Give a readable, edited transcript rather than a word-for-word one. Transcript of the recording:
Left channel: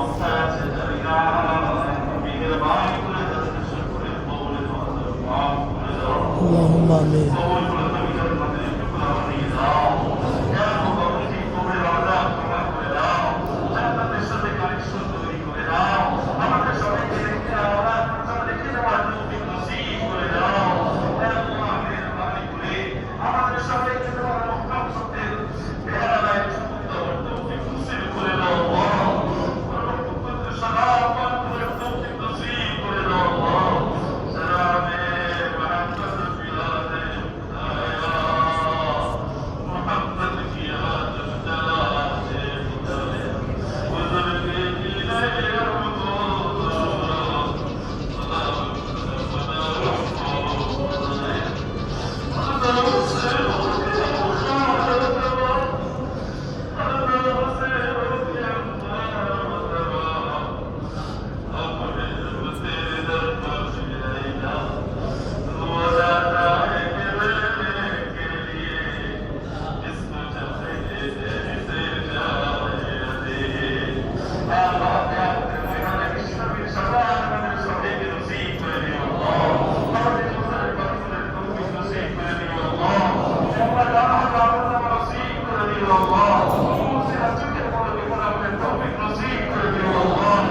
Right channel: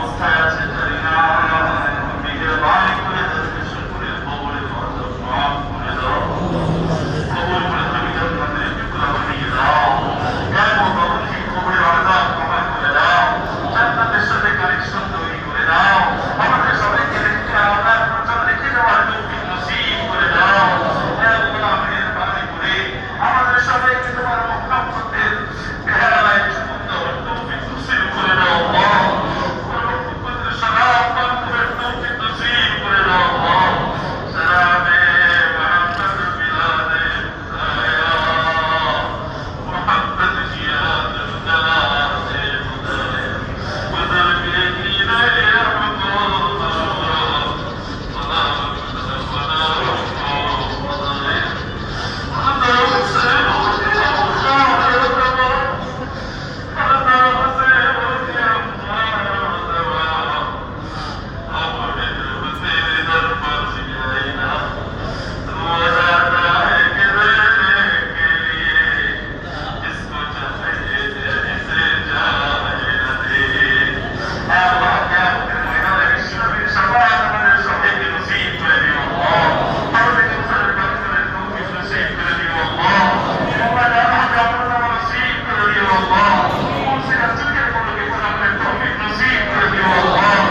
অবস্থায় আছে জানি না, মেহেরবানি করে তাদেরকে সকলের কবরের দরজা মাফ করে দাও, কবর করে তুমি জান্নাতের টুকরা বানিয়ে দাও, কেমন তাদেরকে কবরের আযাব ক্ষমা করে দাও, জান্নাতের সাথে কানেকশন তৈরি করে দাও, আমাদের সবাইকে রেখে আল্লাহ প্রচার রেখে যাওয়ার তৌফিক নসিব করে দাও। আল্লাহ মেহেরবানি করে আমাদের সবাইকে তোমার মুহাব্বতের পেয়ালায় চুমুক দেওয়ার তৌফিক নসিব করে দাও আল্লাহ, মুহাব্বতের সালাম পান করার তৌফিক নসিব করে দাও আল্লাহ। সালামে মুহাম্মদ বিলাদে আয়া মুহাম্মদ জিয়াদ দলাতে মুদরে উদর কে কিনারে Allah